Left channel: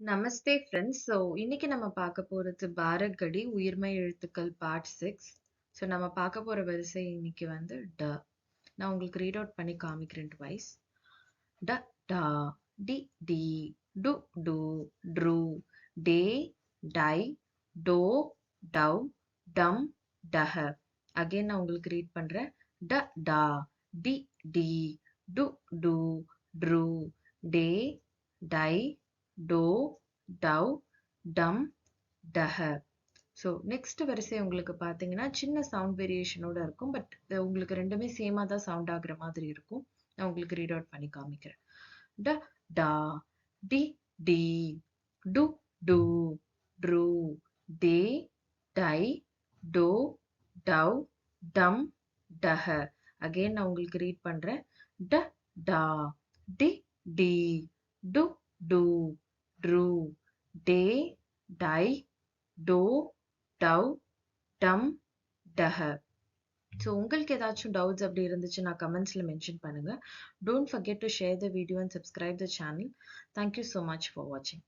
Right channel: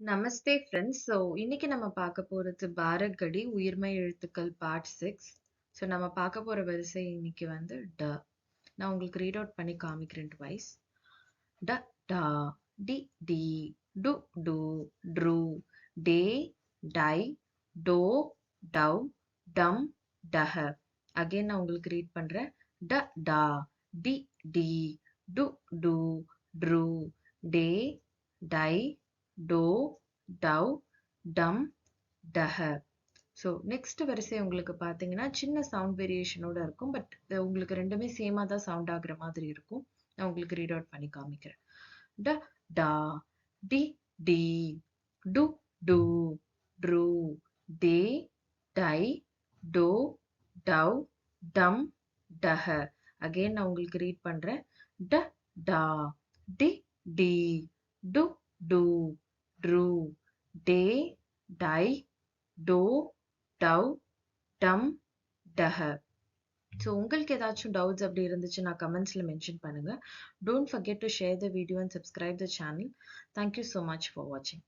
நமஸ்தே friends. இன்னைக்கு நம்ம பார்க்க போறது பாரக்கடி உயிர்மெய் எழுத்துக்கள் பார்ட் 6. நம்ம பார்க்க போற வரிசை இன்னைக்கு வந்து ட. நான் உங்களுக்கு ரீட் அவுட் பண்ணி காமிக்கிறேன் ட்வைஸ். ட டா, டி டி, டு டு, ட்ரு, டே, டை, டோ, டவ், டம், டஹ. அகைன் நான் உங்களுக்கு ரீட் பண்றேன். ட டா, டி டி, டு டு, ட்ரு, டே, டை, டோ, டவ், டம், டஹ. ஸோ நெக்ஸ்ட் வரிசை உங்களுக்கு பார்த்தீங்கன்னா சின்ன சவுண்ட் வேரியேஷனோட இருக்கும். பட் உங்களுக்கு ரெண்டுமே சேமா தான் சவுண்ட் ஆகுற மாதிரி இருக்கும். நான் உங்களுக்கு ரீட் அவுட் பண்ணி காமிக்கிறேன். ட டா, டி டி, டு டு, ட்ரு, டே, டை, டோ, டவ், டம், டஹ. அகைன் நான் உங்களுக்கு ரீட் பண்றேன். ட டா, டி டி, டு டு, ட்ரு, டே, டை, டோ, டவ், டம், டஹ. ஸோ உங்களுக்கு ஏதாச்சும் டவுட்ஸ் அப்படி இருந்துச்சுன்னா கமெண்ட்ஸ்ல மென்ஷன் பண்ணுங்க. Don't forget to share the video and subscribe the channel. Thank you so much for வாட்சிங்.